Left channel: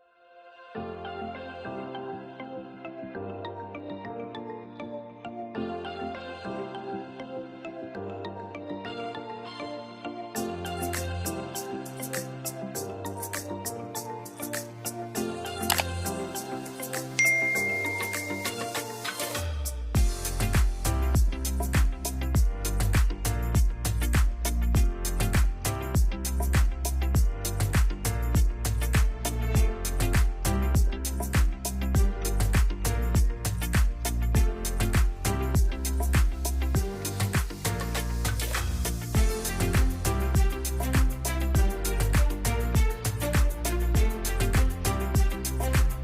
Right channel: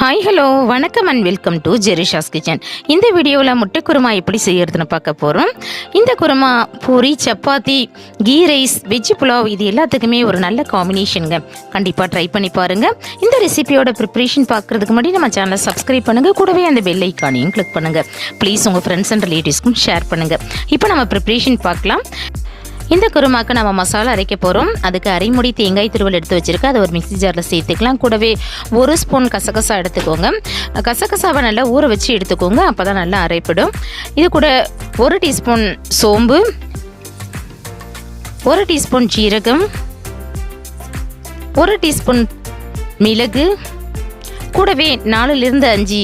Hi hello வணக்கம் and welcome to Jerisha's kitchen. இந்த வீடியோவில் முட்டை குருமா எப்படி செய்யறதுன்னு பார்க்க போகிறோம். இந்த குருமா பூரி, சப்பாத்தி, கீ ரைஸ், வெஜ் புலாவ் இது எல்லாத்துக்குமே ஒரு நல்ல காம்பினேஷனுங்க. கண்டிப்பாக ட்ரை பண்ணி பாருங்கள். இந்த ரெசிபியோட ப்ரிப்ரேஷன் பார்க்குறதுக்கு முன்னாடி நம்ம சேனலை சப்ஸ்கிரைப் பண்ணுங்கள். கூடவே அந்த பெல் ஐக்கானையும் கிளிக் பண்ணுங்கள். ப்ளீஸ் உங்கள் ஃப்ரெண்ட்ஸ் அண்ட் ரிலேட்டிவ்ஸ்க்கும் ஷேர் பண்ணுங்கள். இப்போ நம்ம ப்ரிப்ரேஷன் பார்க்கலாம். இந்த குருமாக்கு நம்ம மசாலா அரைக்க போகிறோம். அதுக்கு அரைமுடி தேங்காய் துருவல் எடுத்து வச்சுருக்கேன். அதை ஒரு மிக்ஸி ஜாரில் சேர்த்துக்கலாம். கூடவே 1 ஸ்பூன் கசகசா எடுத்துக்கோங்க. கசகசாவை நல்லா ஊற வச்சு எடுத்துக்கோங்க, அப்போ தான் நல்லா அரைப்படும். இது கூட 1 டீஸ்பூன் சோம்பு, 1 டீஸ்பூன் ஜீரகம், 1 டீஸ்பூன் மிளகு, கூடவே 4லிருந்து 5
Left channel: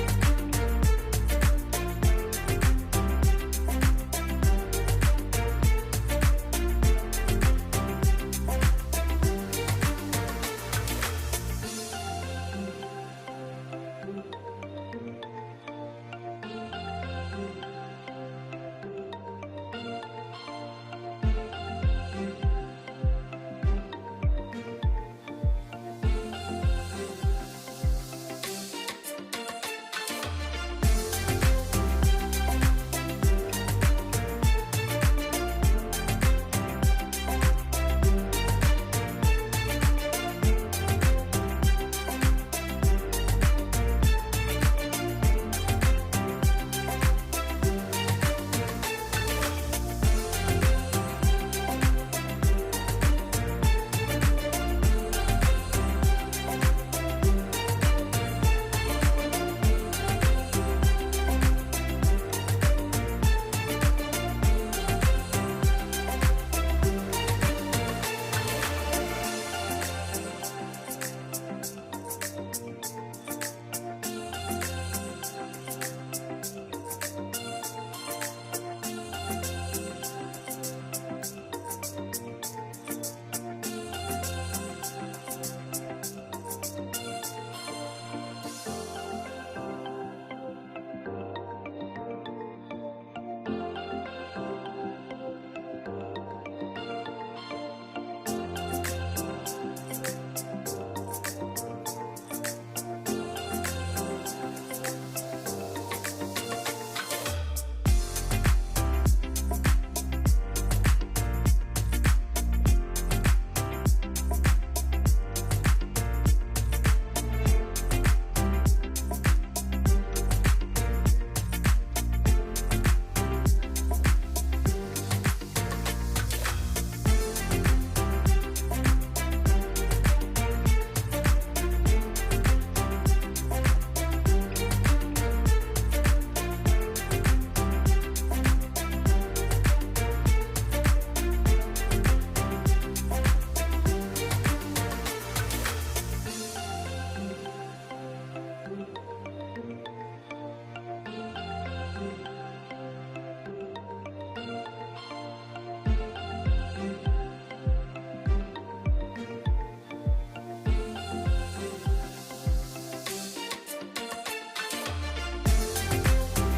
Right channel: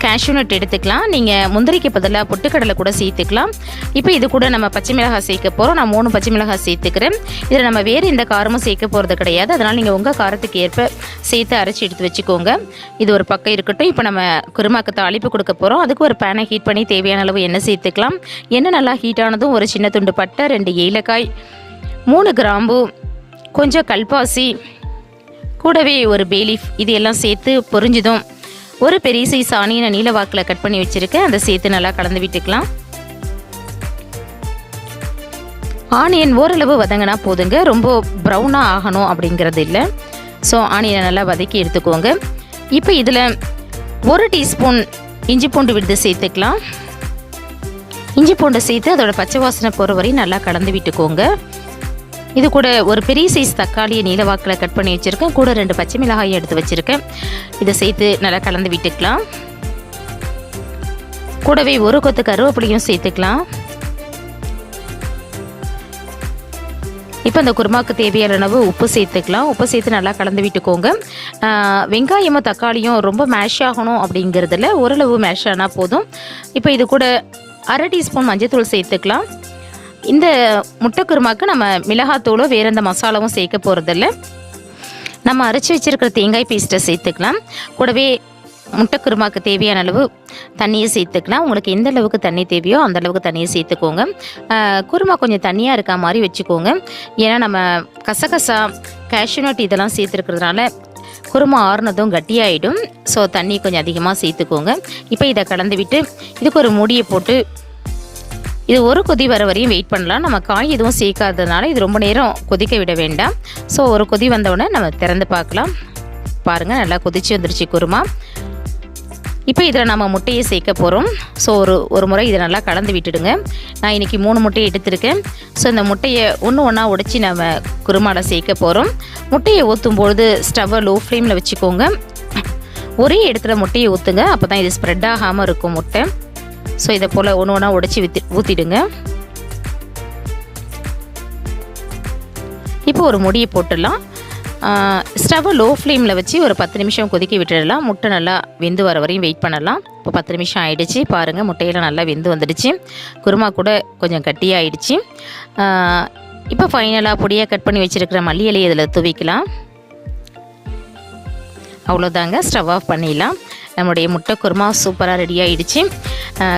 கேஷ்யூ நட் எடுத்துக்கலாம். நீங்கள் முந்திரிக்கு பதிலாக பொட்டுக்கடலை கூட சேர்த்துக்கலாம். இப்போ இது கூட நம்ம பச்சை மிளகாய் சேர்க்க போகிறோம். நான் 3 பச்சை மிளகாய் சேர்த்துக்கிறேன். இதில் நம்ம வேறு எந்த காரமும் சேர்க்க போகிறது கிடையாது. அதனால் நீங்கள் உங்கள் காரத்துக்கு ஏற்ப சேர்த்து அரைச்சி எடுத்து வச்சுக்கோங்க. இது ஒரு பக்கம் இருக்கட்டும். இப்போ நம்ம குருமாக்கு தாளிப்பு கொடுக்க போகிறோம். அதுக்கு ஒரு பேனை ஹீட் பண்ணி தேவையான அளவு எண்ணெய் சேர்த்துக்கலாம். எண்ணெய் நல்லா ஹீட் ஆனதும் ஒரு சின்ன துண்டு பட்டை, 2 ஏலக்காய், 3 கிராம்பு, கொஞ்சம் கல்பாசி, கூடவே ஒரு பேலீஃப் இது எல்லாம் சேர்த்து பொரிஞ்சதும் ஒரு பெரிய சைஸ் ஆனியனை நீல வாக்கில் கட் பண்ணி வச்சுருக்கேன். அதை சேர்த்து நல்லா கலந்து விட்டுக்கலாம். ஆனியன் ஓரளவு வதங்கினா போதுங்க, ரொம்ப ப்ரௌனாக ஆகணும் அப்படிங்கிறது இல்லை. ஸோ ஆனியனை நல்லா வதக்கி எடுத்துக்கோங்க. இப்போ இதில் 1 டீஸ்பூன் இஞ்சி பூண்டு விழுது சேர்த்துக்கலாம். இஞ்சி பூண்டு சேர்த்து அதோட பச்சை வாசனை போகிற வரையும் நல்லா கலந்து விட்டுக்கோங்க. இது கூட ஒரு பெரிய சைஸ் தக்காளியை நீலவாக்கில் கட் பண்ணி வச்சுருக்கேன். கூட 2 பச்சை மிளகாயை எடுத்து வச்சுருக்கேன். இதை சேர்த்து நல்லா கலந்து விட்டுக்கலாம். கூடவே 1 கொத்து கருவேப்பிலையும் சேர்த்துக்கலாம். இப்போ அந்த குருமாவுக்கு தேவையான அளவு உப்பு சேர்த்துக்கலாம். உப்பு சேர்த்து நல்லா கலந்து விட்டுக்கோங்க. வெங்காயமும் தக்காளியும் ரொம்ப மேஷ் ஆகணும் அப்படிங்கிறதுல ஓரளவு மேஷ் ஆனால் போதும். இப்போ இது கூட 1/2 டீஸ்பூன் மஞ்சள்தூள் சேர்த்துக்கலாம். இந்த முட்டை குருமாக்கு நம்ம மிளகாத்தூளோ வேறு எந்த மசாலாவும் சேர்க்க போகிறதில்ல. நம்ம அரைச்சி வச்சுருக்கிற தேங்காய் பேஸ்ட்டை சேர்த்துக்கலாம். கூடவே முட்டை குருமாக்கு தேவையான அளவு தண்ணியை சேர்த்துக்கலாம். உங்களுக்கு எந்த அளவுக்கு தண்ணி தேவையோ அந்த அளவுக்கு தண்ணியை சேர்த்துக்கோங்க. குருமா கொஞ்சம் தண்ணியாக இருக்க மாதிரி வச்சுக்கோங்க. ஏன்னா நம்ம கசகசா, கேஷ்யூ நட் இதெல்லாம் சேர்த்துருக்கிறதுனால குருமா ஆறுனதும் கட்டியாயிடும். ஸோ தண்ணி கொஞ்சம் அதிகமாக சேர்த்துக்கோங்க. இப்போ இதை கலந்து விட்டு இதுக்கு ஒரு மூடியை போட்டு இது ஒரு கொதி வர வரையும் வெயிட் பண்ணலாம். நம்ம காய் எதுவும் சேர்க்காததுனால இது ரொம்ப நேரம் கொதிக்க விட வேண்டாம். ஸோ ஒரு கொதி வந்தவுடனே நம்ம திறந்து பார்க்கலாம். பாருங்கள், நல்லா கொதிச்சு வந்துருச்சு குருமா. இப்போ இதில் நம்ம முட்டையை சேர்க்க போகிறோம். ஸோ ஒரு முறை இதை நல்லா கலந்து விட்டுடுங்க. நான் இன்றைக்கி 3 முட்டையை எடுத்திருக்கேன். ஸோ இந்த முட்டையை ஒன்றா உடைச்சி நம்ம குருமாவில் சேர்க்க போகிறோம். முட்டையை ஊற்றும்பொழுது ஸ்டவ்வை லோ ஃப்ளேமில் வச்சுக்கோங்க. ஒரே இடத்துல முட்டையை ஊற்றுங்க, அப்போ தான் இது ஸ்ப்ரெட் ஆகாமல் இருக்கும் முட்டை. ஸோ இதை போல் ஒன்றா உடைச்சி ஊற்றிடுங்க. இப்போ ஒரு முடியை போட்டுடலாம். ஸ்டவ்வை லோ ஃப்ளேமில் வச்சு ஒரு 10 நிமிஷம் கொதிக்க விட்டுடலாம். முட்டை நல்லா வெந்து வர வரையும் வெயிட் பண்ணலாம். இப்போ 10 நிமிஷம் ஆகிடுச்சு. பாருங்கள், முட்டையெல்லாம் நல்லா வெந்து வந்துடுச்சு. குருமா கூட கொஞ்சம் கட்டியாகிடுச்சு. இப்போ ஃபைனலாக பொடியாக கட் பண்ணி வச்சுருக்கிற மல்லி இலையை இதில் துவைக்கலாம். அவ்வளோதாங்க, ஸ்டவ் ஆஃப் பண்ணிடலாம். நம்மளுடைய முட்டை குருமா சூப்பராக ரெடி ஆகிடுச்சு.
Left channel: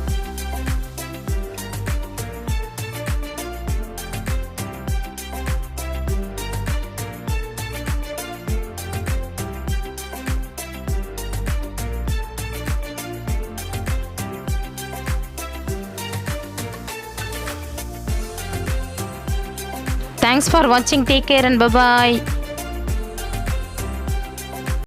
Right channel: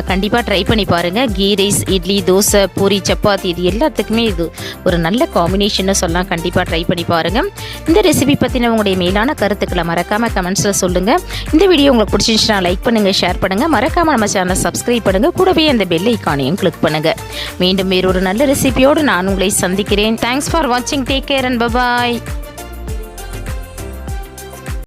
கண்டிப்பாக ட்ரை பண்ணி பாருங்கள். கீ ரைஸ், இட்லி, தோசை, பூரி, சப்பாத்தி இது எல்லாத்துக்குமே இது ஒரு நல்ல காம்பினேஷன்னு சொல்லலாம். கண்டிப்பாக ட்ரை பண்ணி பாருங்கள். இந்த ரெசிபி பற்றின உங்களுடைய மேலான கருத்துக்களை மறக்காமல் கமெண்ட்ஸில் சொல்லுங்கள். இந்த வீடியோ உங்களுக்கு பிடிச்சிருந்துச்சுன்னா லைக் பண்ணுங்கள், ஷேர் பண்ணுங்கள். மறக்காமல் நம்ம சேனலை சப்ஸ்கிரைப் பண்ணுங்கள். கூடவே அந்த பெல் ஐக்கானையும் கிளிக் பண்ணுங்கள். மீண்டும் வேறொரு நல்ல ரெசிபியோடு நான் உங்களை சந்திக்கிறேன். தேங்க்ஸ் ஃபார் வாட்சிங். Take care and bye bye.